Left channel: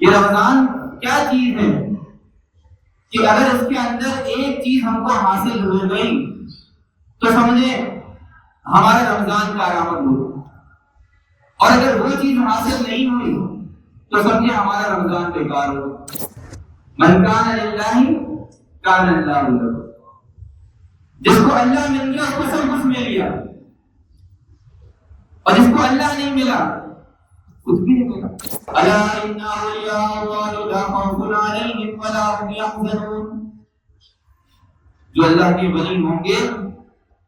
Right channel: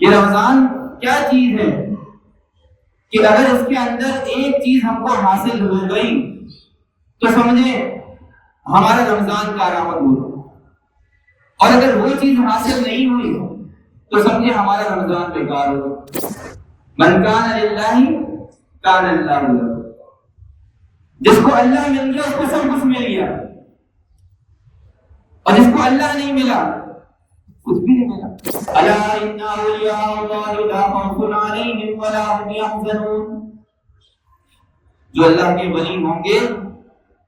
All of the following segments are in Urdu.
یہ رمضان کیا چیز ہے کہ اگر اس کے اندر ایک چیز ہم کو حاصل ہو گئی تو سمجھیں ہمارا رمضان کارآمد ہوا، اور اگر وہ چیز حاصل نہیں ہوئی تو سمجھے ہمارا رمضان بیکار ہو۔ من کان للہ کان اللہ لہ، جس کو اللہ مل گیا اس کو سب کچھ مل گیا، اور جس کو اللہ نہیں ملا کچھ بھی نہیں ملا۔ الا ان اولیاء اللہ لا خوف علیہم ولا هم يحزنون، جو اللہ کے ولی ہوں گے،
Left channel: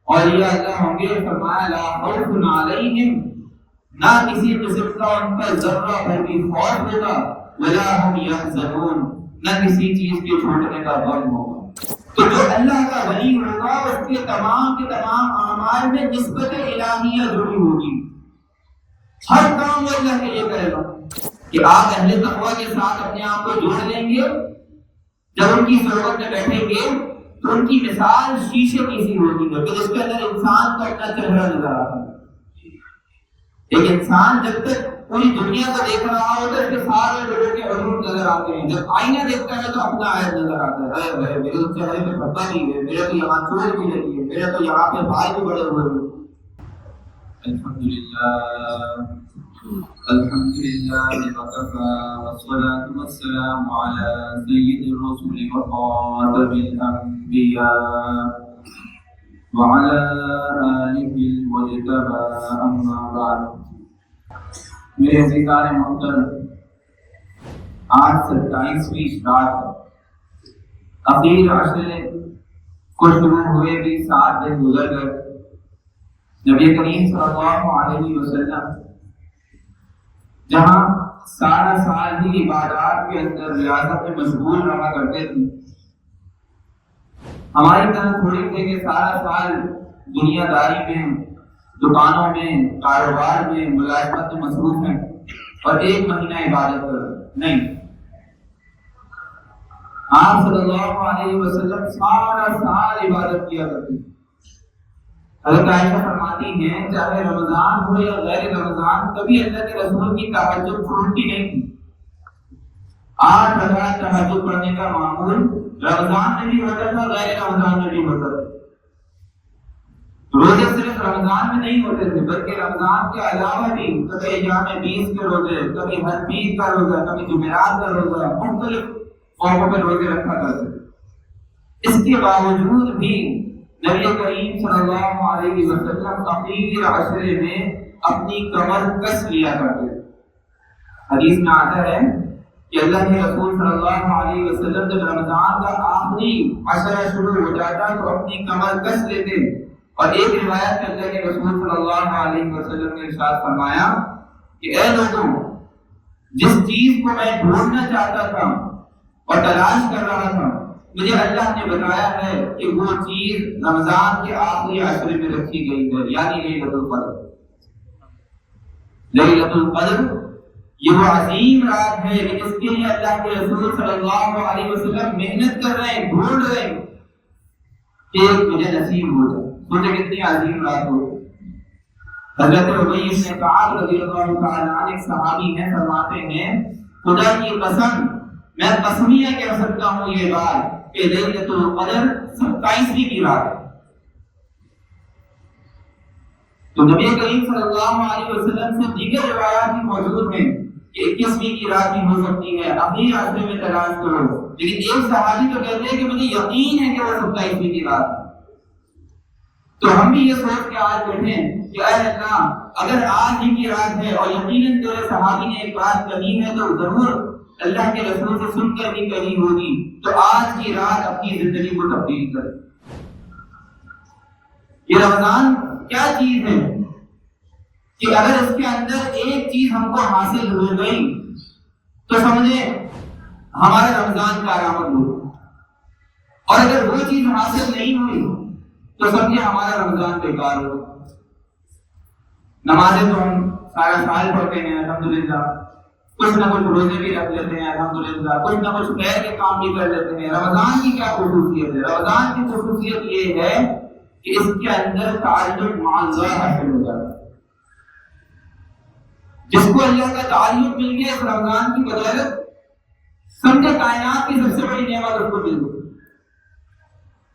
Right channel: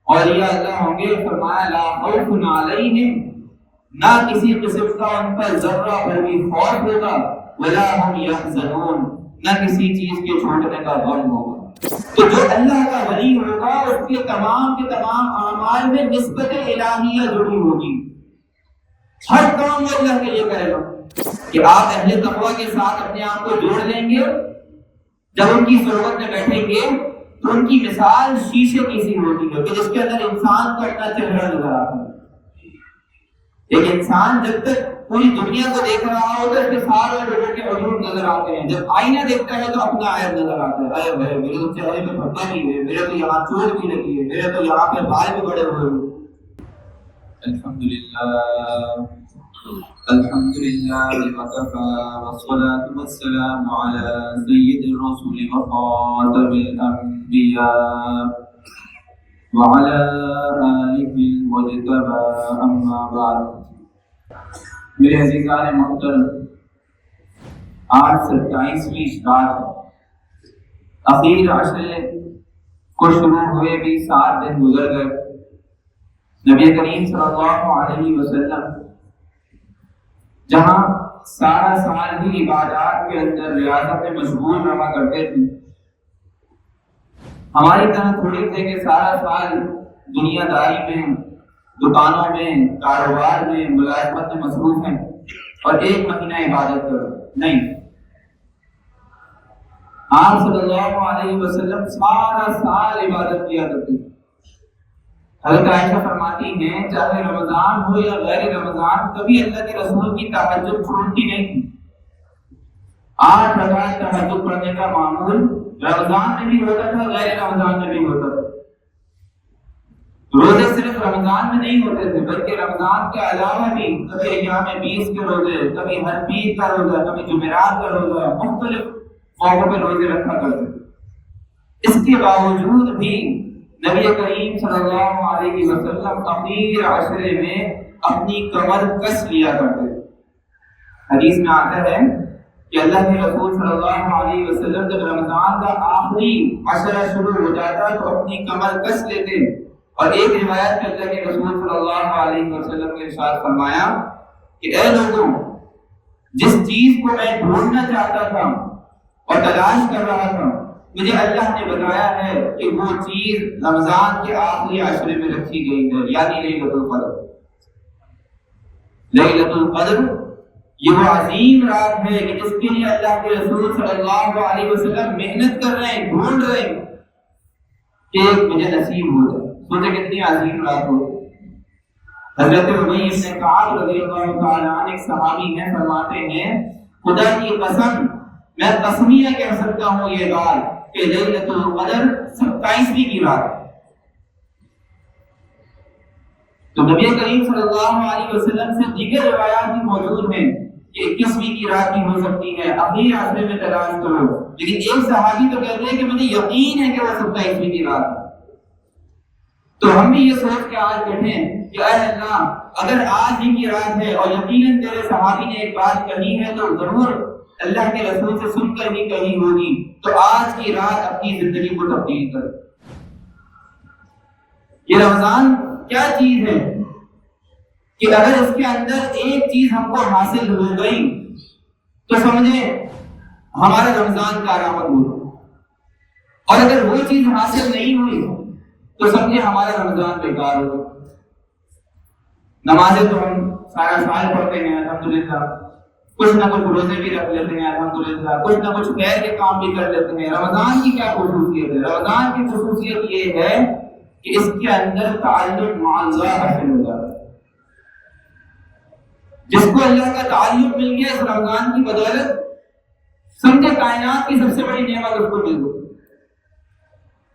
اولیاء اللہ ہوں گے، فرمایا لا خوف علیہم، نہ کسی قسم کا ان پر ذرہ بھر بھی خوف ہوگا، ولا هم يحزنون، نہ کسی چیز کے چھوٹنے کا غم ہوگا۔ تو جو اللہ کا ولی ہوگا اس کے تمام کے تمام اعمال میں نسبت الہیہ ضرور ہوگی، ہر کام وہ اللہ کے لیے کرے گا۔ کہ آپ اہل تقویٰ کے ساتھ اپنے آپ کو جوڑ لیں گے، جب ان کی صحبت میں بیٹھیں گے تو ان کی مثال شیشے کی سی ہوگی کہ جس کے اندر انسان کو اپنا چہرہ نظر آتا ہے۔ ایک انسان جب تک پوری دنیا کو دیکھ رہا ہوتا ہے اس کے سارے لوگوں کے عیوب نظر آتے ہیں، جب آئینہ دیکھتا ہے تو اپنا عیب نظر آتا ہے، ارے میرے تو چہرے پہ پھٹا بھی ہے، میرے تو یہاں چوٹ بھی لگی ہے، میرے تو یہاں پہ بال بھی بڑے ہوئے ہیں۔ الحمدللہ الحمدللہ وکفی والصلاة والسلام علی سید الرسول وخاتم الانبیاء وعلی آلہ المجتبی، اما بعد۔ میرے عزیزان محترم، آج 27ویں رات ہے، اخیر عشرے کو شروع ہوئے بھی 7 دن گزر گئے۔ نبی کریم صلی اللہ علیہ وسلم جہاں سارا سال ہی عبادات کے اندر ریاضت میں مشغول رہا کرتے تھے، ہماری طرح تھوڑی تھے کہ سارا سال دنیا داری میں، دکانوں میں، کاروبار میں، ملازمت میں مصروف ہیں اور ایک مہینہ عبادت کر نہیں۔ آپ صلی اللہ علیہ وسلم سارا سال عبادت کیا کرتے تھے۔ حضرت عائشہ فرماتی ہیں چاہے رمضان ہو یا غیر رمضان کبھی اللہ کے رسول کی تہجد چھوٹتی نہیں تھی۔ 8 رکعت تہجد پڑھنے کا معمول رمضان میں بھی ہوتا تھا، غیر رمضان میں بھی ہوتا تھا۔ روزے صرف رمضان میں نہیں ہوتے تھے بلکہ رمضان کے علاوہ بھی کبھی ایام 20 کے روزے، کبھی ہر پیر کا روزہ، کبھی جمعرات کا روزہ، مختلف موقعوں پہ روزے رکھا کرتے تھے۔ اس کے باوجود بھی نبی کریم صلی اللہ علیہ وسلم اخیر عشرے میں اپنی کمر کس لیا کرتے تھے۔ حدیث میں آتا ہے کہ اللہ کے رسول صلی اللہ علیہ وسلم جب رمضان کا آخری عشرہ شروع ہو جاتا تو اپنی کمر کس لیتے، اور ایک روایت میں اللہ کے رسول صلی اللہ علیہ وسلم نے ارشاد فرمایا کہ اے لوگوں، جس چیز کو میں ڈھونڈنا چاہتا تھا اور تلاش کر رہا تھا، مجھے اللہ نے بتایا ہے کہ وہ چیز رمضان کے آخری عشرے میں رکھی گئی ہے، یعنی لیلۃ القدر۔ لیلۃ القدر یہ وہ عظیم رات ہے کہ جس کے لیے اللہ کے رسول صلی اللہ علیہ وسلم محنت کر رہے ہیں، ڈھونڈ رہے ہیں کہ ایک مجھے نصیب ہو جائے۔ سوچے کتنی عظیم رات ہو۔ حضرت ابی بن کعب رضی اللہ تعالیٰ عنہ ایک صحابی ہیں، فرماتے ہیں خدا کی قسم میں قسمیہ کہہ سکتا ہوں یہ بات کہ لیلۃ القدر 27ویں کی رات ہے۔ تو نبی کریم صلی اللہ علیہ وسلم سے دیگر روایات بھی موجود ہیں کہ 21ویں کی رات بھی ہو سکتی ہے، اخیر عشرے میں تلاش کرو، لیکن ایک صحابی تو کہتے ہیں کہ مجھے یقین ہے کہ وہ 27ویں کی رات ہے۔ تو ہم بھی یہ سوچ کے آج بیٹھیں کہ اے اللہ اگر آج ہی کی رات ہے اور یقیناً تیرے صحابی نے ایک بات کہی ہے تو ضرور اللہ کے رسول سے سن کر بھی کہی ہوگی، تو آج کی رات اپنی زندگی کو تبدیل کر۔ یہ رمضان کیا چیز ہے کہ اگر اس کے اندر ایک چیز ہم کو حاصل ہو گئی تو سمجھیں ہمارا رمضان کارآمد ہوا، اور اگر وہ چیز حاصل نہیں ہوئی تو سمجھے ہمارا رمضان بیکار ہو۔ نمازیں تو ہم سارا سال پڑھتے ہیں الحمدللہ، کچھ نہ کچھ روزے بھی رکھ لیتے ہیں الحمدللہ، کچھ نہ کچھ خیر کے کام بھی کر لیتے ہیں۔ رمضان کی کیا خصوصیت ہے؟ رمضان کی خصوصیت یہ ہے کہ اس کے اندر تعلق مع اللہ حاصل ہو جاتا ہے۔ جس کو اللہ کا تعلق مل گیا اس رمضان کی بدولت سمجھے کائنات کی سب سے بڑی نعمت اس کو مل گئی.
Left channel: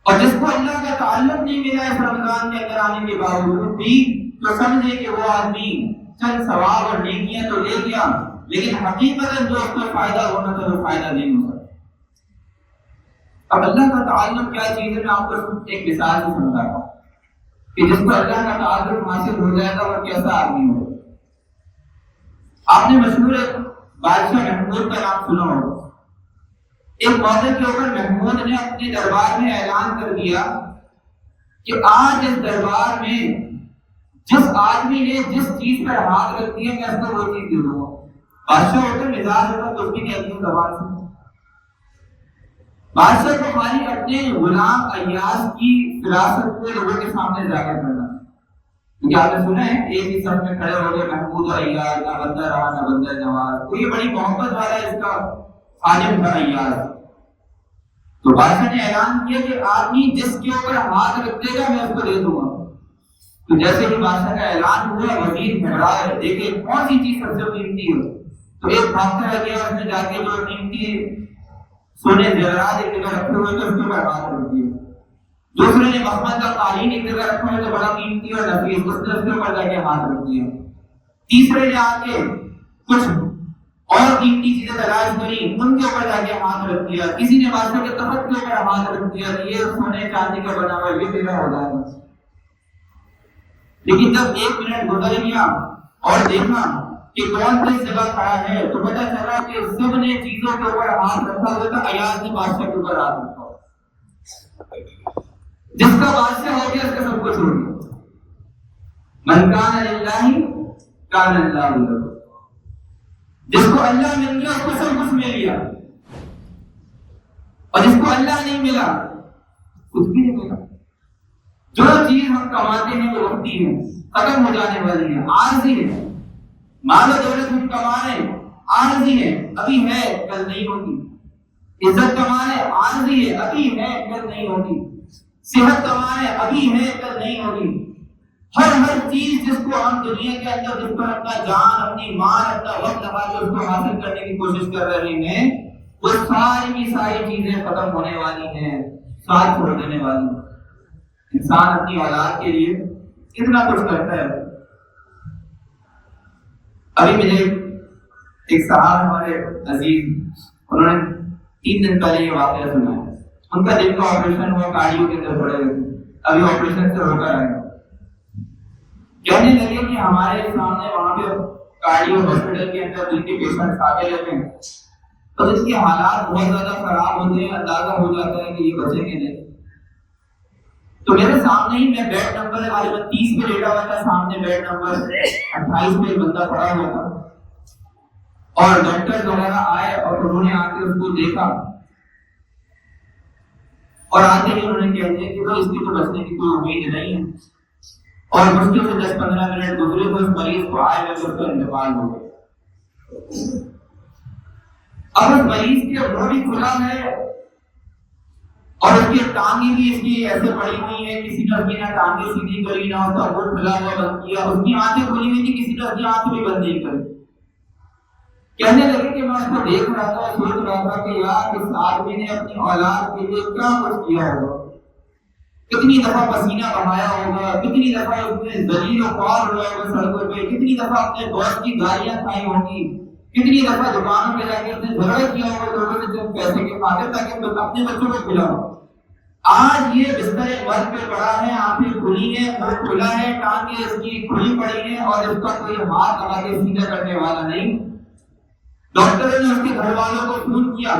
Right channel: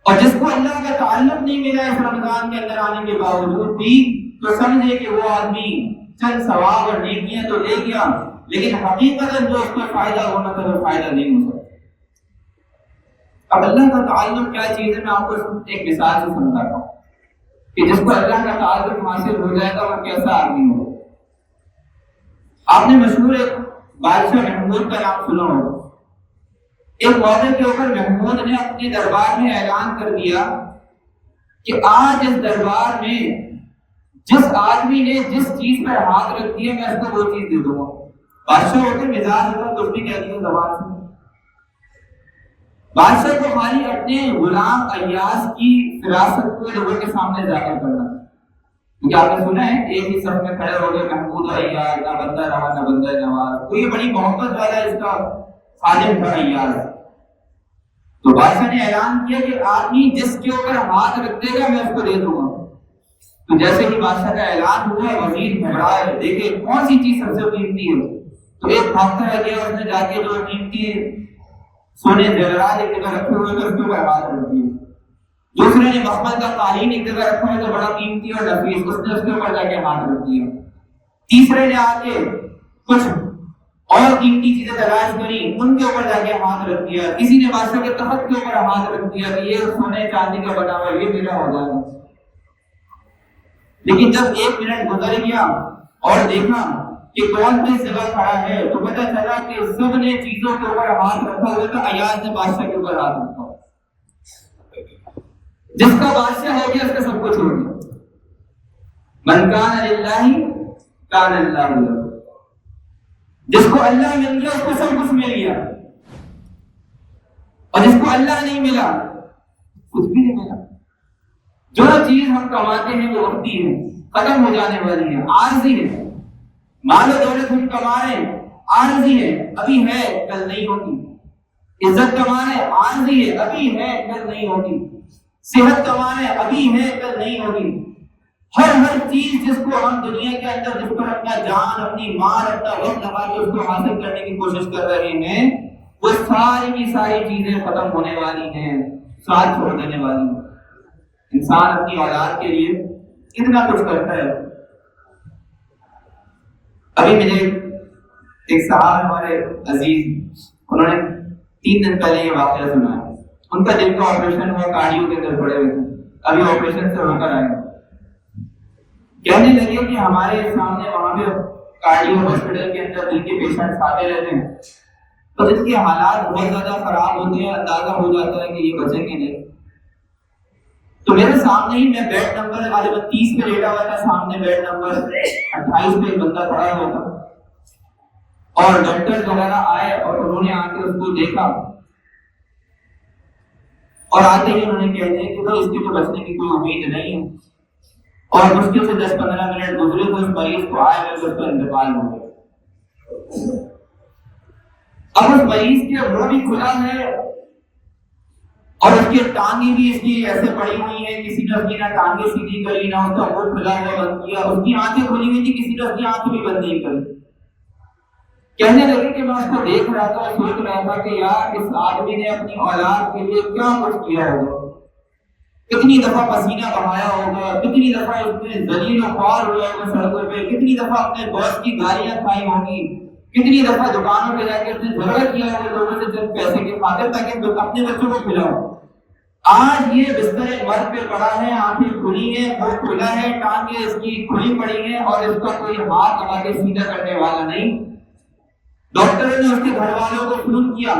اور جس کو اللہ کا تعلق نہیں ملا اس رمضان کے اندر آنے کے باوجود بھی تو سمجھے کہ وہ آدمی چند ثواب اور نیکیاں تو لے گیا لیکن حقیقت جو اس کو فائدہ ہونا تھا وہ فائدہ نہیں ہو سکتا. اب اللہ کا تعلق کیا چیز ہے میں آپ کو ایک مثال سے سمجھا رہا ہوں کہ جس کو اللہ کا تعلق حاصل ہو جائے گا وہ کیسا آدمی ہو. آپ نے مشہور ایک بادشاہ محمود کا نام سنا ہوگا. ایک موقع کے اوپر محمود نے اپنے دربار میں اعلان کر دیا کہ آج اس دربار میں جس آدمی نے جس چیز پر ہاتھ رکھ دیا میں اس کو وہ چیز دے دوں گا. بادشاہ ہوتے مزاج ہوتا کچھ بھی کہتے ہیں زبان سے. بادشاہ کو خالی اپنے غلام ایاز کی فراست کو لوگوں کے سامنے ظاہر کرنا. کیونکہ آپ نے سنا ہے ایک ہی صف میں کھڑے ہو گئے محمود اور ایاز، نہ بندہ رہا نہ بندہ جماعت. تو یہ بڑی محبت والا اس کا خادم تھا ایاز. تو بادشاہ نے اعلان کیا کہ آدمی جس کے اوپر ہاتھ رکھ دے گا میں اس کو دے دوں گا. تو جیسے ہی بادشاہ کا اعلان ہوا وزیر گھبرا ہے دیکھے کون سی چیز سب سے قیمتی ہے. تو ایک بھاگتا گیا اس نے جا کے جو قیمتی سونے زیورات ایک جگہ رکھے ہوئے تو اس کے اوپر ہاتھ رکھ دیا. دوسرے نے مخمل کا قالین ایک جگہ رکھا ہے جو بڑا قیمتی اور نفیس اس نے اس کے اوپر جا کے ہاتھ رکھ دیا. تیسرے نے آ کے کچھ اور قیمتی چیزیں تلاش کری ان کے اوپر جا کے ہاتھ رکھ دیا. کسی نے بادشاہ کے تخت کے اوپر ہاتھ رکھ دیا کہ یہ سونے چاندی کا بنا ہوا یہ میرا ہو جائے گا. لیکن جب 1 منٹ گزر گیا اور دیکھا کہ کون کس جگہ کھڑا ہے تو پتہ چلا کہ سب نے چیزوں کے اوپر ہاتھ رکھا ہوا تھا. ایاز نے بادشاہ کے اوپر ہاتھ رکھا. جس کا بادشاہ ہو گیا اس کا سب کچھ ہو گیا. من کان للہ کان اللہ لہ. جس کو اللہ مل گیا اس کو سب کچھ مل گیا اور جس کو اللہ نہیں ملا کچھ بھی نہیں ملا. جو چیز ہم کماتے ہیں وہ وقتی ہے، ختم ہو جانے والی ہے، عارضی ہے. مال و دولت ہم کما رہے ہیں عارضی ہے، ابھی ہے کل نہیں ہوگی. عزت کما رہے ہیں عارضی ہے، ابھی ہے کل نہیں ہوگی. صحت کما رہے ہیں ابھی ہے کل نہیں ہوگی. ہر چیز جس کو ہم دنیا کے اندر جس پر اپنا جان اپنی مال اپنا وقت لگا کے اس کو حاصل کرنے کی کوشش کر رہے ہیں وہ ساری کی ساری چیزیں ختم ہونے والی ہیں، ساتھ چھوڑ دینے والی ہیں. انسان اپنی اولاد کے لیے کتنا کچھ کرتا ہے. ابھی مجھے ایک صاحب ہمارے عزیز انہوں نے 3 دن پہلے یہ واقعہ سنا ہے. ان کا دل کا آپریشن ہوا، کارڈیو کے اندر پڑے ہوئے تھے، ابھی آپریشن سے ہو کر آئے. کہنے لگے کہ ہمارے سامنے وہاں پہ کارڈیو ہاسپٹل کے اندر جن کے پیشنٹس آتے رہتے ہیں تو اس کے حالات بہت زیادہ خراب ہوتے ہیں، اندازہ ہو جاتا ہے کہ یہ بچیں گے نہیں. تو میرے سامنے ہی میں بیڈ نمبر 30 پہ لیٹا ہوا تھا، سامنے بیڈ نمبر 28 پہ بندہ پڑا ہوا تھا اور ڈاکٹر وغیرہ آئے اور انہوں نے آ کے اس کو دیکھا اور آتے ہی انہوں نے کہہ دیا کہ اس کی تو بچنے کی کوئی امید نہیں ہے. اور مشکل سے 10-15 منٹ گزرے تو اس مریض کو آئے لگے اس کا انتقال ہو گیا. اب اس مریض کے منہ بھی کھلا ہے اور اس کی ٹانگیں بھی اس کی ایسے پڑی ہوئی ہیں، کسی نے اس کی نہ ٹانگیں سیدھی کری نہ اس کا منہ کھلا ہے بند کیا، اس کی آنکھیں کھلی ہوئی تھی کسی نے اس کی آنکھیں بھی بند نہیں کری. کہنے لگے کہ میں اس کو دیکھ رہا تھا سوچ رہا تھا کہ یار اس آدمی نے اپنی اولاد کے لیے کیا کچھ کیا ہوگا، کتنی دفعہ پسینہ بہایا ہوگا، کتنی دفعہ اس نے ذلیل و خوار ہوا ہوگا سڑکوں پہ، کتنی دفعہ اپنے دوست کی گالیاں کھائی ہوں گی، کتنی دفعہ دکانوں پہ جا کے اس نے جھگڑا کیا ہوگا لوگوں سے چند پیسے کے خاطر تاکہ اپنے بچوں کو کھلاؤ. آج یہ بستر مرد پہ پڑا ہے، آنکھیں کھلی ہیں، منہ کھلا ہے، ٹانگیں اس کی کھلی پڑی ہیں اور اس کا کوئی ہاتھ لگا کے سیدھا کرنے والا نہیں. ڈاکٹر نے اس کے گھر والوں کو فون کیا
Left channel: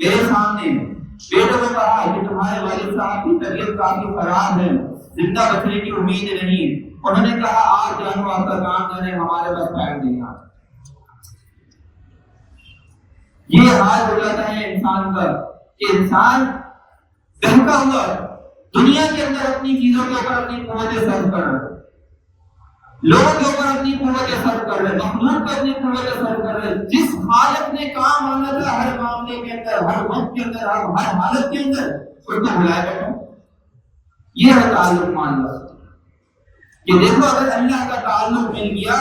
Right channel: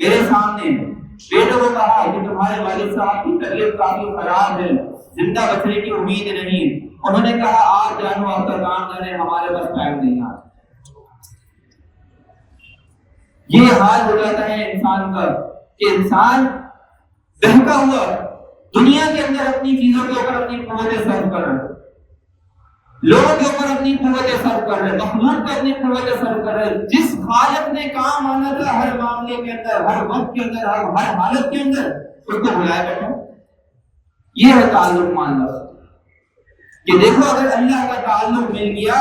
میرے سامنے، بیٹے کو کہا کہ تمہارے والد صاحب کی طبیعت کافی خراب ہے، زندہ بچنے کی امید نہیں. انہوں نے کہا آپ جانو آپ کا کام جانے، ہمارے پاس ٹائم نہیں ہے. یہ حال ہو جاتا ہے انسان کا کہ انسان بہکا ہوا دنیا کے اندر اپنی چیزوں کے اوپر اپنی قوتیں صرف کر رہا ہے، لوگوں کے اوپر اپنی قوتیں صرف کر رہے ہیں، مخلوق پہ اپنی قوتیں صرف کر رہے ہیں. جس خالق نے کام آنا تھا ہر معاملے کے اندر، ہر وقت کے اندر، ہر حالت کے اندر اس کو بلائے بیٹھا. یہ ہے تعلق معاملہ کہ دیکھو اگر اللہ کا تعلق مل گیا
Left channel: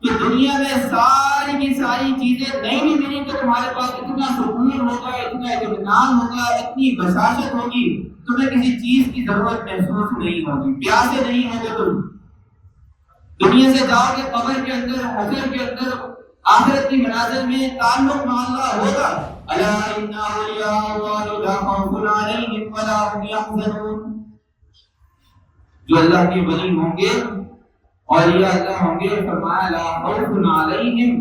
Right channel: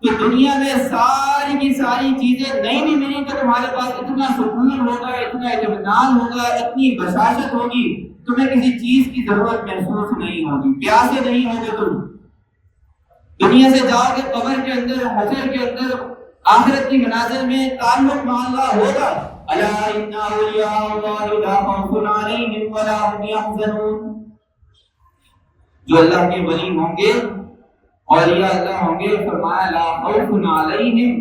تو دنیا میں ساری کی ساری چیزیں نہیں بھی ملی تو تمہارے پاس اتنا سکون ہوگا، اتنا اطمینان ہوگا، اتنی بشاشت ہوگی، تمہیں کسی چیز کی ضرورت محسوس نہیں ہوگی، پیاسے نہیں ہوگے تم۔ دنیا سے جاؤ گے قبر کے اندر، حشر کے اندر، آخرت کی منازل میں تعلق مع اللہ ہوگا۔ الا ان اولیاء اللہ لا خوف علیہم ولا هم يحزنون، جو اللہ کے ولی ہوں گے، اولیاء اللہ ہوں گے، فرمایا لا خوف علیہم،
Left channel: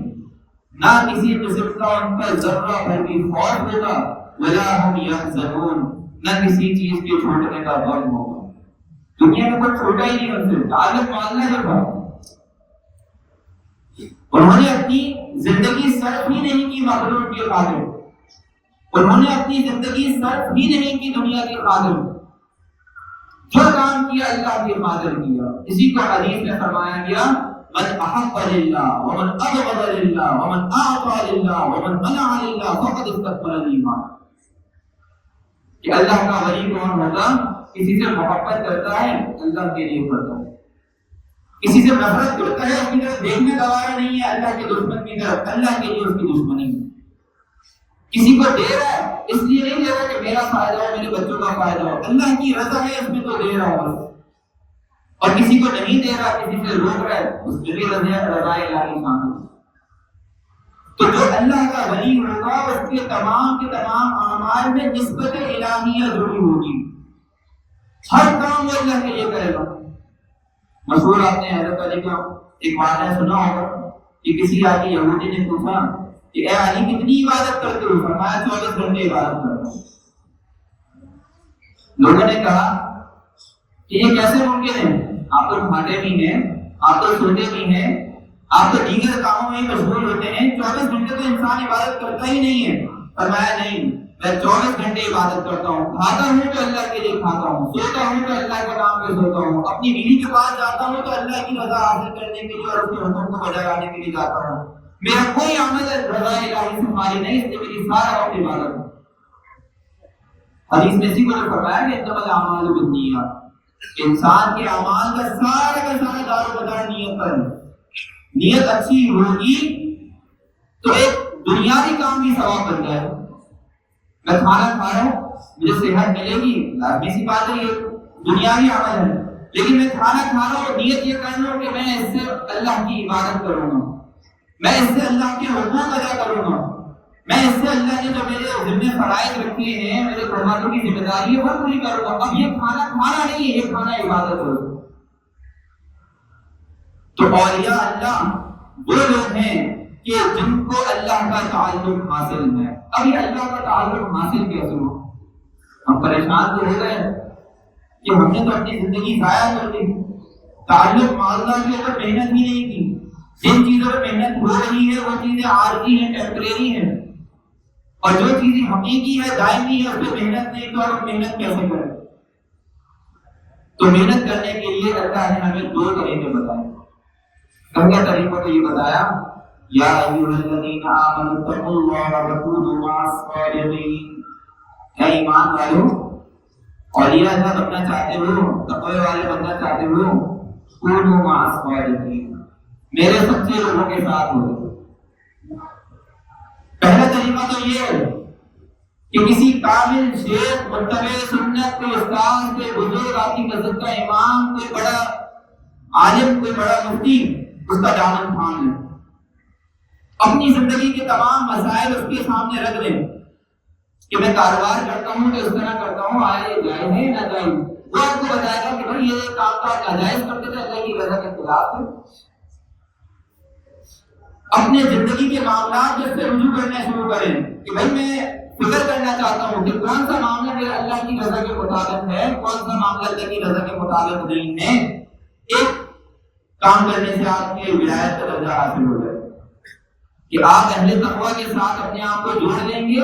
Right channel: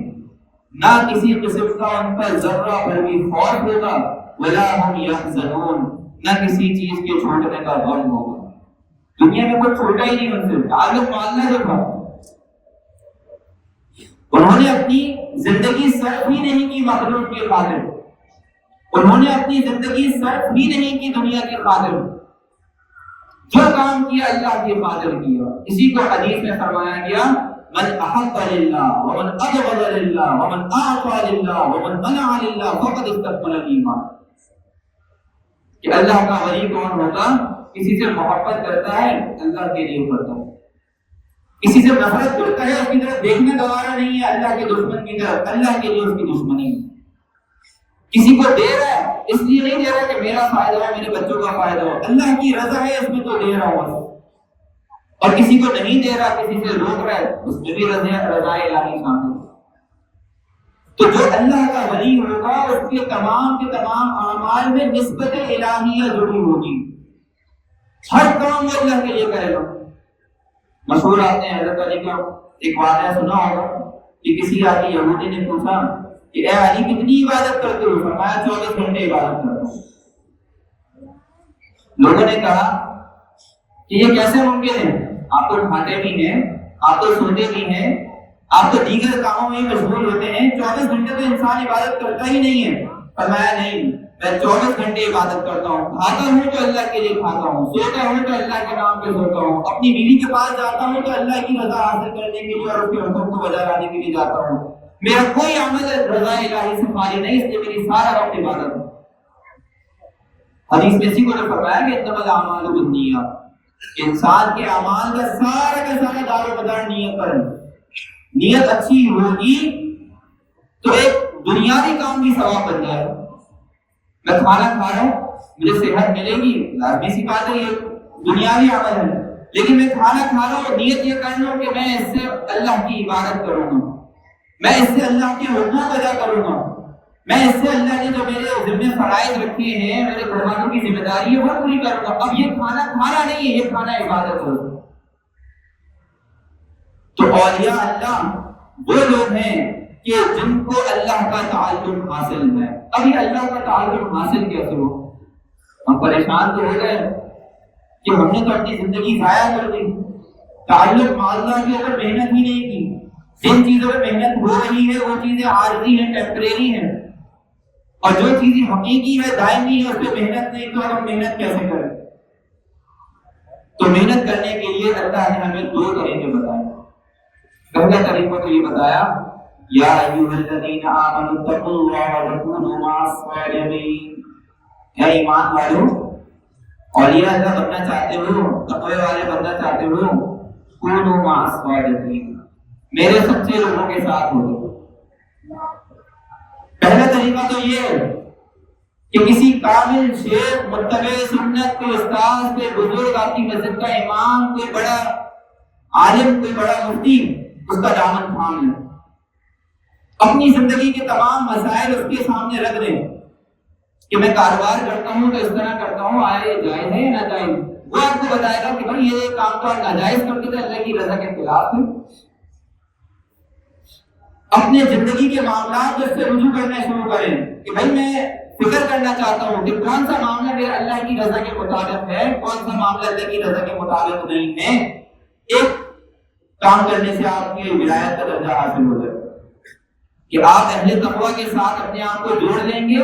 نہ کسی قسم کا ان پر ذرہ بھر بھی خوف ہوگا، ولا هم يحزنون، نہ کسی چیز کے چھوٹنے کا غم ہوگا۔ دنیا میں کوئی چھوٹا ہی نہیں ان سے، تعلق مع اللہ جو بات۔ انہوں نے اپنی زندگی صرف ہی نہیں کی مخلوق کے خاطر، انہوں نے اپنی زندگی صرف ہی نہیں کی دنیا کے خاطر، جو کام کیا اللہ کے خاطر کیا۔ اسی کو حدیث میں فرمایا گیا من احب للہ ومن ابغض للہ ومن اعطى للہ ومن منع للہ فقد استكمل الایمان، کہ اللہ کا ولی کون ہوگا؟ کسی سے محبت کرتا ہے اللہ کے لیے کرتا ہے، کسی سے نفرت کرتا ہے اس کی طرف دیکھنے گوارا نہیں ہے اللہ کے دشمن کی طرف، اللہ کے لیے اس کی دشمنی ہے۔ کسی کو دے رہا ہے اس لیے نہیں دے رہا کہ میرا فائدہ ہو، میرے بچوں کا فائدہ ہو، اللہ کی رضا ہے اس میں تو دے رہا ہوگا، اور کسی کو نہیں دے رہا، کسی سے روک رہا ہے، اس میں بھی رضا الہی شامل۔ تو جو اللہ کا ولی ہوگا اس کے تمام کے تمام اعمال میں نسبت الہیہ ضرور ہوگی، ہر کام وہ اللہ کے لیے کرے گا۔ مشہور آپ نے حضرت علی کا ایک واقعہ سنا ہوگا کہ کسی آدمی یہودی نے پوچھا کہ اے علی کتنی عبادت کرتے ہو؟ فرمایا 24 گھنٹے عبادت کرتا ہوں۔ لوگوں نے کہا کہ یہ کیسے ممکن ہے؟ آپ تو کھاتے بھی ہیں، آپ تو سوتے بھی ہیں، آپ تو دیگر کاموں میں مشغول ہوتے ہیں، 24 گھنٹے تو انسان عبادت کرتا ہی نہیں ہے۔ فرمایا نہیں، میں 24 گھنٹے عبادت کرتا ہوں، کھاتا ہوں تو اللہ کے لیے کھاتا ہوں، سوتا ہوں تو اللہ کے نام پہ سوتا ہوں، اپنی بیوی کے پاس جاتا ہوں تو اللہ کی رضا حاصل کرنے کے لیے اور اس کے حکم کو بجا لانے کے لیے جاتا ہوں، میرا کوئی عمل رضا الہی سے خالی نہیں، اس لیے میری سارا وقت عبادت ہے۔ حدیث میں اسی کو فرمایا کہ انما الاعمال بالنیات، انسان کے اعمال کا سارا دار و مدار نیت پر ہے۔ نیت اچھی ہوگی تو ایک دنیاوی کام بھی ثواب بن جائے گا۔ میں کھانا کھا رہا ہوں، مجھے صحت ملے گی، لازمی سی بات ہے، یہ دنیاوی عمل ہے، لیکن میں کھانا کھا رہا ہوں، نیت یہ کر رہا ہوں کہ میں اس سے اللہ کی عبادت کروں گا، میں اس سے اللہ کے حقوق ادا کروں گا، میں اس سے اللہ نے جو میرے ذمہ فرائض رکھے ہیں، میرے گھر والوں کی ذمہ داری ہے وہ پوری کروں گا۔ اب یہ کھانا کھانا نہیں ہے، یہ کھانا عبادت ہے۔ تو اولیاء اللہ وہ لوگ ہیں کہ جن کو اللہ کا تعلق حاصل ہے۔ ابھی اللہ کا تعلق حاصل کیسے ہو؟ ہم پریشان تو ہو گئے کہ ہم نے تو اپنی زندگی ضائع کر دی، تعلق مع اللہ کے اوپر محنت ہی نہیں کی، جن چیزوں پر محنت ہو رہی ہے وہ چیزیں عارضی ہیں، ٹیمپریری ہیں، اور جو چیزیں حقیقی ہے، دائمی ہے، اس پہ محنت نہیں، تو ہم محنت کیسے کریں؟ تو محنت کرنے کے لیے اللہ نے ہمیں 2 طریقے بتائے۔ پہلا طریقہ تو یہ بتایا یا ایھا الذین آمنوا اتقوا اللہ وکونوا مع الصادقین، اے ایمان والو، اولیاء اللہ بننا چاہتے ہو، تقوی والے بننا چاہتے ہو، کونوا مع الصادقین، میرے سچے لوگوں کے ساتھ ہو۔ پہلا طریقہ تو یہ ہے کہ کسی کامل شیخ، متبع سنت کے استاد، کے بزرگ، آپ کی مسجد کا امام، کوئی بڑا عالم، کوئی بڑا مفتی، اس کا دامن تھام لیں، اپنی زندگی کے تمام مسائل اس کے سامنے رکھ لیں کہ میں کاروبار کرتا ہوں تو اس طرح کرتا ہوں، آیا یہ جائز ہے یا ناجائز؟ وہ آپ کو بتائے گا کہ بھائی یہ کام تو آپ ناجائز کرتے تھے، اللہ کی رضا کے خلاف ہے۔ اپنے زندگی کے معاملات میں سے رجوع کرنا شروع کریں کہ بھائی میں فکر کرنا چاہتا ہوں کہ کون سا معاملہ میرا اللہ کی رضا کے مطابق ہے، کون سا معاملہ اللہ کی رضا کے مطابق نہیں ہے۔ ایک کام کرنے سے آپ کی ولایت کا درجہ حاصل ہو جائے گا کہ آپ اہل تقوی کے ساتھ اپنے آپ کو جوڑ لیں گے،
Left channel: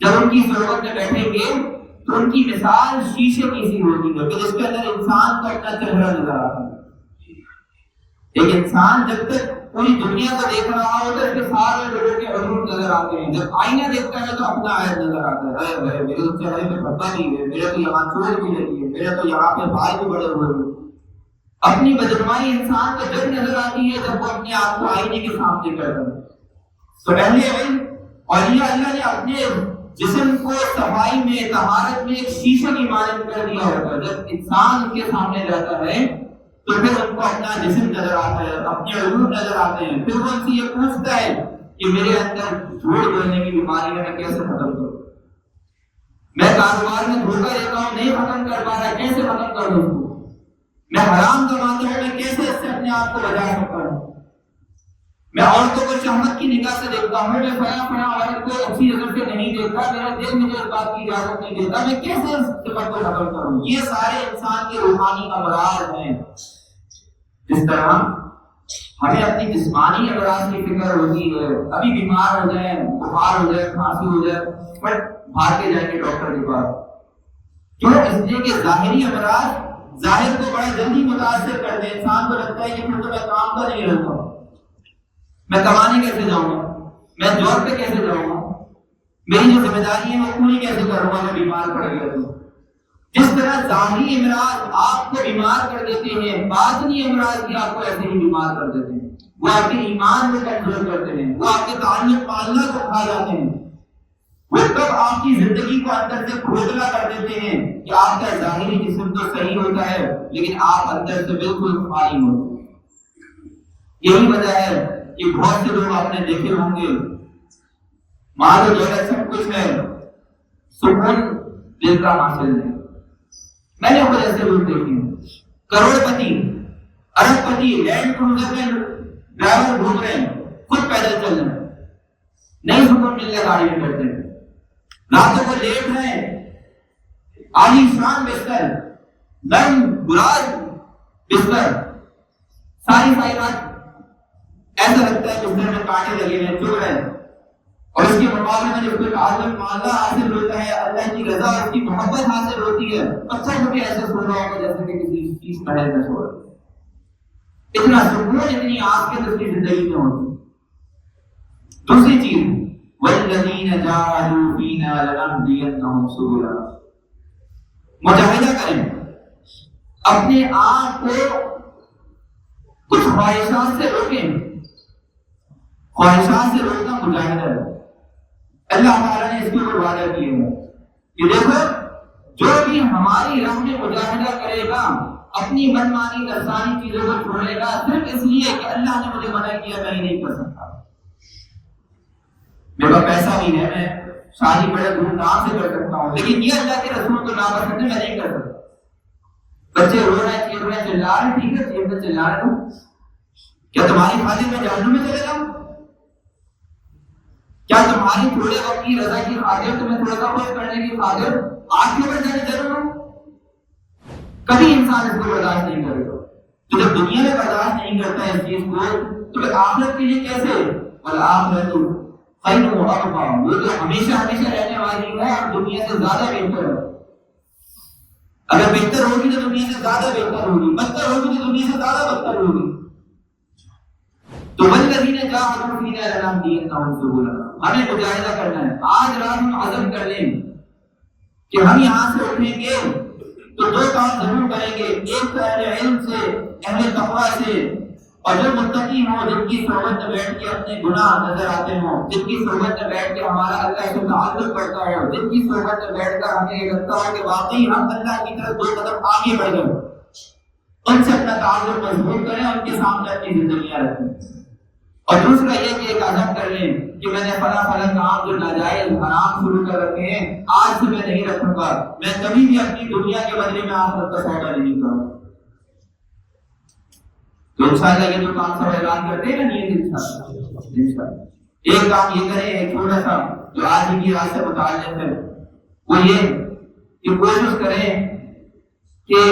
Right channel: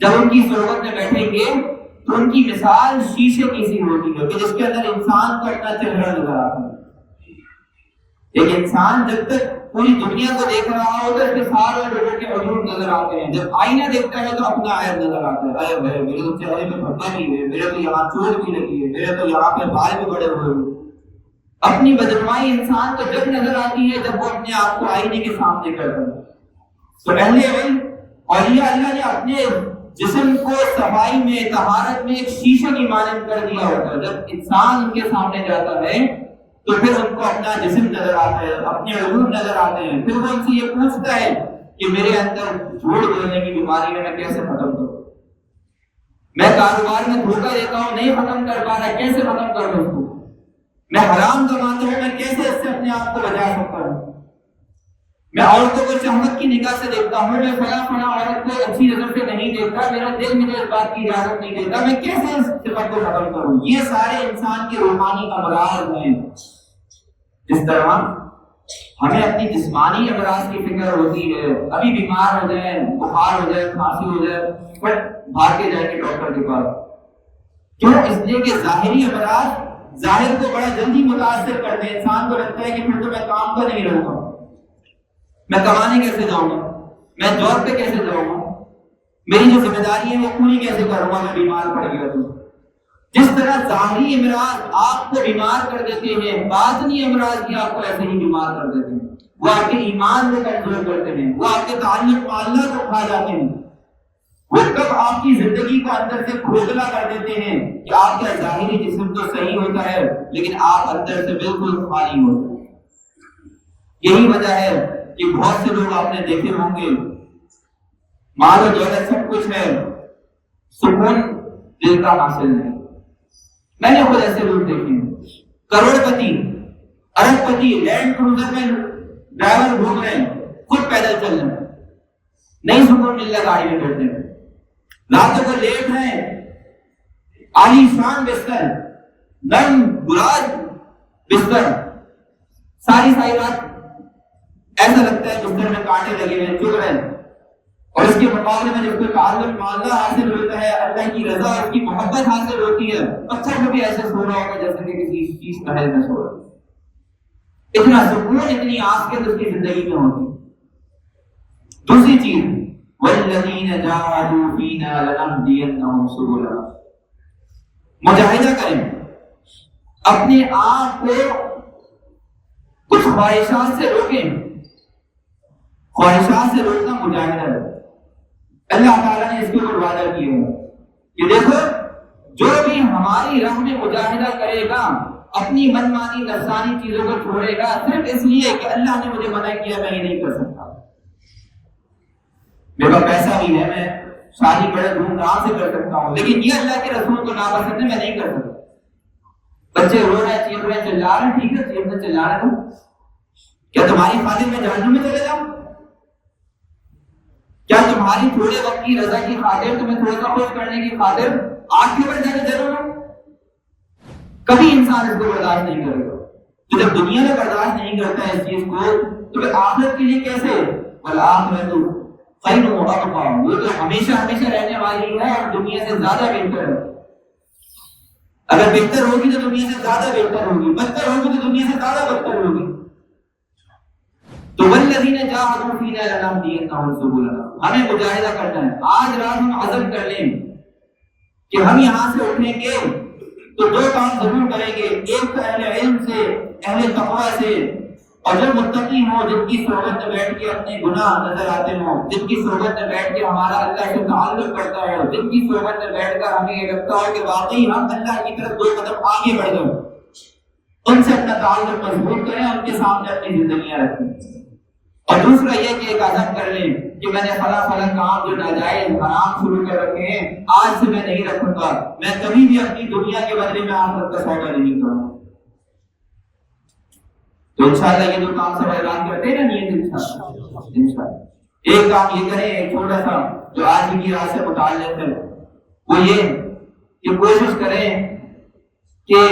جب ان کی صحبت میں بیٹھیں گے تو ان کی مثال شیشے کی سی ہوگی کہ جس کے اندر انسان کا اپنا چہرہ نظر آتا ہے۔ ایک انسان جب تک پوری دنیا کو دیکھ رہا ہوتا ہے، اس کے سارے لوگوں کے عیوب نظر آتے ہیں، جب آئینہ دیکھتا ہے تو اپنا عیب نظر آتا ہے، ارے بھائی میرے تو چہرے پہ پھٹا بھی ہے، میرے تو یہاں چوٹ بھی لگی ہے، میرے تو یہاں پہ بال بھی بڑے ہوئے ہیں۔ اپنی بدنمائی انسان کو جب نظر آتی ہے جب وہ اپنے آپ کو آئینے کے سامنے کرتا ہے۔ تو اہل علم اور یہ اللہ نے اپنے جسم کو صفائی میں طہارت میں ایک شیشے کی مانند کر دیا ہوتا ہے. جب انسان ان کے سامنے جاتا ہے تو پھر ان کو اپنا جسم نظر آتا ہے, اپنے عروج نظر آتے ہیں. پھر وہ ان سے یہ پوچھتا ہے کہ میرے اندر جھوٹ بولنے کی بیماری ہے, میں کیسے ختم کروں؟ میں کاروبار میں دھوکہ دیتا ہوں, نہیں ختم کر پا رہا, کیسے ختم کروں اس کو؟ میں حرام کماتا ہوں, میں کیسے اس سے اپنے آپ کو بچا سکتا ہوں؟ میں عورتوں کو شہوت کی نگاہ سے دیکھتا ہوں, میں فلاں عورت کو اچھی نظر سے نہیں دیکھتا, میرا دل مجھے اس بات کی اجازت نہیں دیتا, میں کیسے اس صفت کو ختم کروں؟ یہ سارے انسان کے روحانی امراض ہیں. اس طرح ہمیں اپنی جسمانی امراض کی فکر ہوتی ہے, ابھی بیمار ہو جائیں, بخار ہو جائے, کھانسی ہو جائے, بٹ بھاگ کے جائیں گے ڈاکٹر کے پاس. کیوں؟ اس لیے کہ ظاہری امراض ظاہر کو بڑا جلدی متاثر کرتے ہیں. انسان کو لگتا ہے کہ پھر تو میں کام پر نہیں رہوں گا, میں کمانے کیسے جاؤں گا, میں جاب پہ کیسے جاؤں گا, میری جو ذمہ داری ہے وہ پوری کیسے کروں گا, میں بیمار پڑ گیا تو. جس طرح ظاہری امراض آپ کو بیمار کر دیتے ہیں, باطنی امراض بھی آپ کو ایسے ہی بیمار کر دیتے ہیں. وہ آپ کے ایمان کو کمزور کرتے ہیں, وہ آپ کے تعلق اللہ کو کھا جاتے ہیں, وہ کب آپ کی زندگی کو اندر سے کھوکھلا کر دیتے ہیں کہ آپ کا ظاہری جسم تو صحیح ہوتا ہے لیکن آپ اندر سے بالکل خالی ہوتے ہیں. یہی وجہ ہے کہ بہت سے لوگ آپ نے دیکھے ہوں گے, مال و دولت سب کچھ ہے, سکون دل کا حاصل نہیں. میں نے خود ایسے لوگ دیکھے ہیں, کروڑ پتی, ارب پتی, لینڈ کروزر میں ڈرائیور گھوم رہے ہیں, خود پیدل چل رہے ہیں, نہیں سکون مل رہا گاڑی میں بیٹھنے میں, راتوں کو لیٹ رہے ہیں, عالی شان بستر, نرم گلاس بستر, ساری رات ایسا لگتا ہے بستر میں کانٹے لگے ہوئے چل رہے ہیں. اور اس کے مقابلے میں جو کوئی تعلق اللہ حاصل ہوتا ہے, اللہ کی رضا اور اس کی محبت حاصل ہوتی ہے, پتھر میں بھی ایسے سو رہا ہوگا جیسے کہ کسی چیز محل میں سو رہا ہے. اتنا سکون, اتنی آفیت اس کی زندگی میں ہوتی. دوسری چیز, وَالَّذِينَ جَاهَدُوا فِينَا لَنَهْدِيَنَّهُمْ سُبُلَنَا, مجاہدہ کریں, اپنے آپ کو کچھ خواہشات سے روکیں. خواہشات سے روکنا مجاہدہ ہے. اللہ تعالیٰ نے اس کے اوپر وعدہ کیا ہے کہ دیکھو, جو بھی ہماری راہ میں مجاہدہ کرے گا, اپنی منمانی نفسانی چیزوں کو چھوڑے گا صرف اس لیے کہ اللہ نے مجھے منع کیا, میں یہ نہیں کر سکتا, میرے پاس پیسہ بھی ہے, میں شادی بڑے دھوم دھام سے کر سکتا ہوں, لیکن یہ اللہ کے رسول کو ناپسند ہے, میں نہیں کر سکتا. بچے رو رہے ہیں, چیخ رہے ہیں, چلا رہے ہیں, ٹھیک ہے چیخ رہے چلا رہے ہو, کیا تمہاری خاطر میں جہنم میں چلے جاؤں؟ کیا تمہاری تھوڑے وقت کی رضا کی خاطر, تمہیں تھوڑا سا خوش کرنے کی خاطر آگ کے اوپر جانے ضرور ہے؟ کبھی انسان اس کو برداشت نہیں کرے گا. تو جب دنیا میں برداشت نہیں کرتا ہے اس چیز کو, تو پھر آخرت کے لیے کیسے؟ والآخرۃ خیر و ابقیٰ, وہ تو ہمیشہ رہنے والی ہے اور دنیا سے زیادہ بہتر ہے. اگر بہتر ہوگی تو دنیا سے زیادہ بہتر ہوگی, بدتر ہوگی تو دنیا سے زیادہ بدتر ہوگی. تو والذین جاہدوا فینا لنہدینہم سبلنا, ہمیں مجاہدہ کرنا ہے. آج رات ہم عزم کر لیں کہ ہم یہاں سے اٹھیں گے تو دو کام ضرور کریں گے. ایک تو اہل علم سے, اہل تقویٰ سے, اور جو متقی ہوں, جن کی صحبت میں بیٹھ کے اپنے گناہ نظر آتے ہوں, جن کی صحبت میں بیٹھ کے ہمارا اللہ سے تعلق بڑھتا ہو, جن کی صحبت میں بیٹھ کر ہمیں یہ لگتا ہو کہ واقعی ہم اللہ کی طرف دو قدم آگے بڑھ گئے, ان سے اپنا تعلق مضبوط کریں, ان کے سامنے اپنی زندگیاں رکھیں. اور دوسرا یہ کہ ایک عزم کر لیں کہ میں نے فلاں کام جو ناجائز حرام شروع کر رکھے ہیں, آج سے میں نہیں رکھوں گا, میں کبھی بھی اپنی دنیا کے بدلے میں آخرت کا سودا نہیں کروں. تو انشاءاللہ یہ جو کام سب اعلان کرتے ہیں نا, نیت انشاءاللہ ایک کام یہ کریں, ایک چھوٹا سا جو آج کی رات سے متعلق ہے, وہ یہ کہ کوشش کریں کہ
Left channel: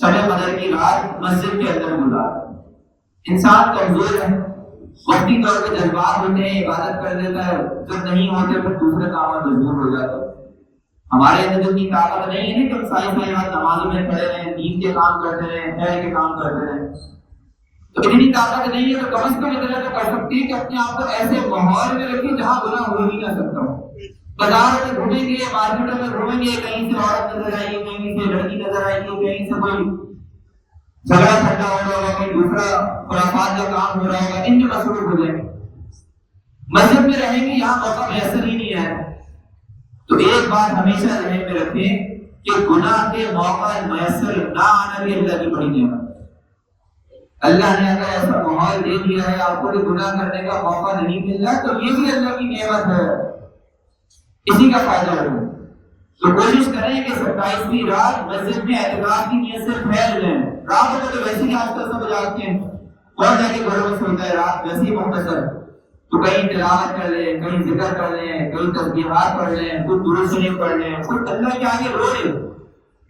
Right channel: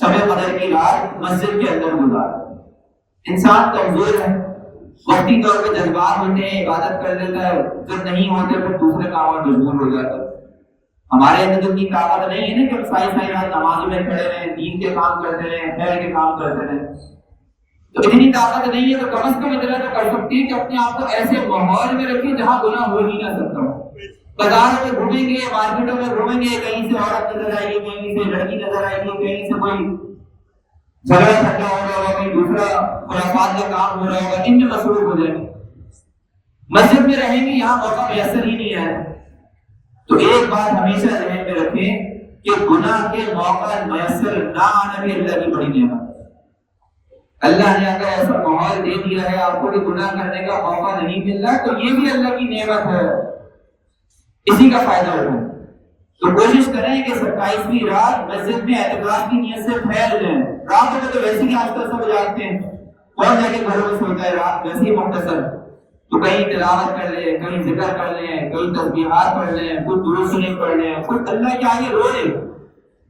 شب قدر کی رات مسجد کے اندر گزاریں. انسان کمزور ہے, وقتی طور پہ جذبات ہوتے ہیں, عبادت کر لیتا ہے, جب نہیں ہوتے پھر دوسرے کاموں میں مجبور ہو جاتا ہے. ہمارے اندر جو کی طاقت نہیں ہے نا کہ ہم ساری رات نماز میں کھڑے رہیں, دین کے کام کرتے رہیں, خیر کے کام کرتے رہیں, تو اتنی طاقت نہیں ہے تو کم از کم اتنا تو کر سکتی ہے کہ اپنے آپ کو ایسے ماحول میں رکھیں جہاں گناہ ہو ہی نہ سکتا ہو. بازار میں گھومیں گے, مارکیٹوں میں گھومیں گے, کہیں سے عورت نظر آئے گی, کہیں سے لڑکی نظر آئے گی, کہیں سے کوئی جھگڑا ٹھنڈا ہو رہا ہوگا, کہیں دوسرا خرافات کا کام ہو رہا ہوگا, ان میں مصروف ہو جائیں. مسجد میں رہیں گے یہاں موقع میسر ہی نہیں ہے، تو ایک بات ہمیشہ ذہن میں رکھیں کہ گناہ کے موقع میسر نہ آنا بھی اللہ کی بڑی نعمت ہے۔ اللہ نے اگر ایسا ماحول دے دیا ہے آپ کو کہ گناہ کرنے کا موقع نہیں مل رہا تو یہ بھی اللہ کی نعمت ہے، اسی کا فائدہ ہو۔ تو کوشش کریں کہ 27ویں رات مسجد میں اعتکاف کی نیت سے پھیل جائیں۔ رات میں تو ویسے ہی آج کل سب جاگتے ہیں، اور جا کے گھروں میں سوتا ہے، رات ویسے ہی مختصر، تو کہیں تلاوت کر لیں، کہیں ذکر کر لیں، کہیں تسبیحات پڑھ لیں، کچھ دروود شریف پڑھ لیں، کچھ اللہ کے آگے روئے۔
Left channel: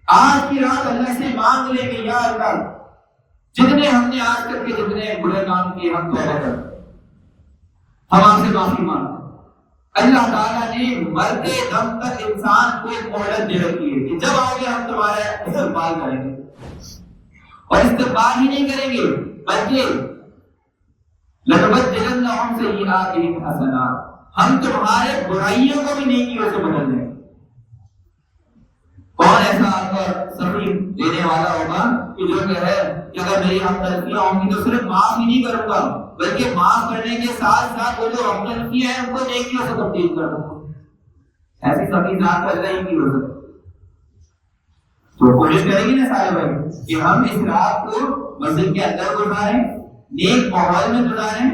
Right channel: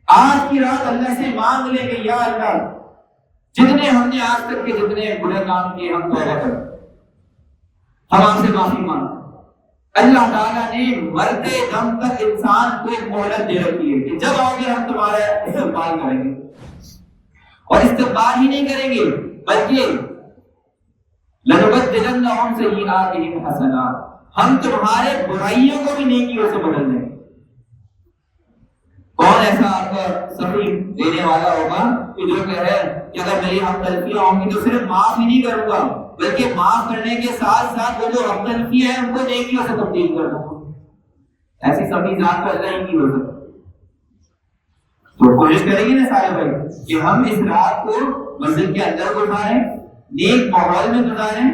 آج کی رات اللہ سے مانگ لیں کہ یا اللہ جتنے ہم نے آج تک کے جتنے برے کام کیے ہم توبہ کریں، ہم آپ سے معافی مانگیں۔ اللہ تعالیٰ نے مرتے دم تک انسان کو ایک مہلت دے رکھی ہے کہ جب آگے ہم تمہارا استقبال کریں گے، اور استقبال ہی نہیں کریں گے بلکہ لَنُبَدِّلَنَّهُمْ سَيِّئَاتِهِمْ حَسَنَاتٍ، ہم تمہارے برائیوں کو بھی نیکیوں سے بدل دیں گے۔ کون ایسا آپ کا سبھی دینے والا ہوگا کہ جو کہے کہ اگر میری ہم غلطیاں ہوں گی تو صرف معاف ہی نہیں کروں گا بلکہ معاف کرنے کے ساتھ ساتھ وہ جو ہم غلطیاں ہیں ان کو نیکیوں سے تبدیل کر دوں گا؟ ایسی سبھی ذات کو اللہ ہی کی ہو سکتی۔ تو کوشش کریں گے نا سارے بھائی کہ ہم اس رات کو مسجد کے اندر گزاریں، نیک ماحول میں گزاریں،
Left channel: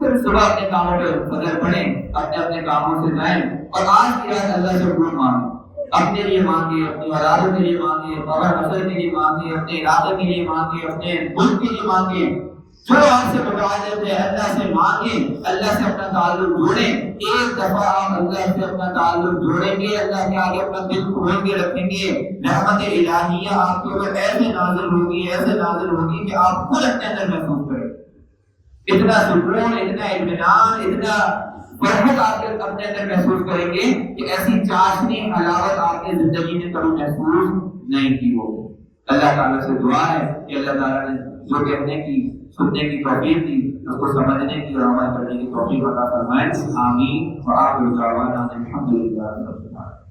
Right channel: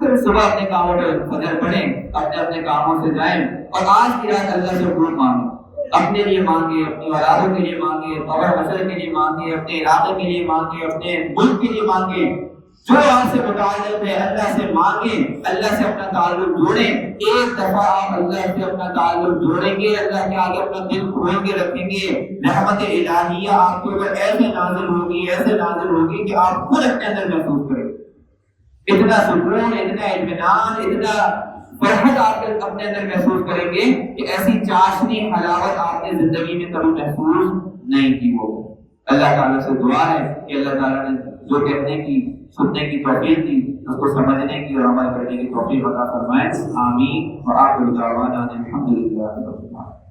پھر صبح اپنے کاموں پہ فجر پڑھیں، اپنے اپنے کاموں سے جائیں، اور آج کی رات اللہ سے دعا مانگیں، اپنے لیے مانگے، اپنی اولادوں کے لیے مانگے، اور نسل کے لیے مانگے، اپنے علاقے کے لیے مانگے، اپنے ملک کے لیے مانگے، جو آپ سے مطالب ہے اللہ سے مانگے، اللہ سے اپنا تعلق جوڑیں۔ ایک دفعہ آپ اللہ سے اپنا تعلق جوڑیں گے، اللہ کے آگے اپنا دل کھول کے رکھیں گے، رحمت الہیہ آپ کے اوپر ایسے نازل ہوگی، ایسے نازل ہوگی کہ آپ خود اپنے اندر محسوس کریں اتنا سکون، اتنا اطمینان، اتنا فرحت آپ کے اپنے اندر محسوس کریں گے کہ ایسی چاشنی حلاوت آپ کی زندگی میں کبھی محسوس نہیں کی ہو۔ اللہ تعالیٰ سے دعا ہے کہ اللہ تعالیٰ نے جو کہنے کی سننے کی توفیق دی اس کو سمجھنے کی اور عمل کرنے کی توفیق عطا فرمائے۔ آمین۔ وآخر دعوانا الحمدللہ رب العالمین۔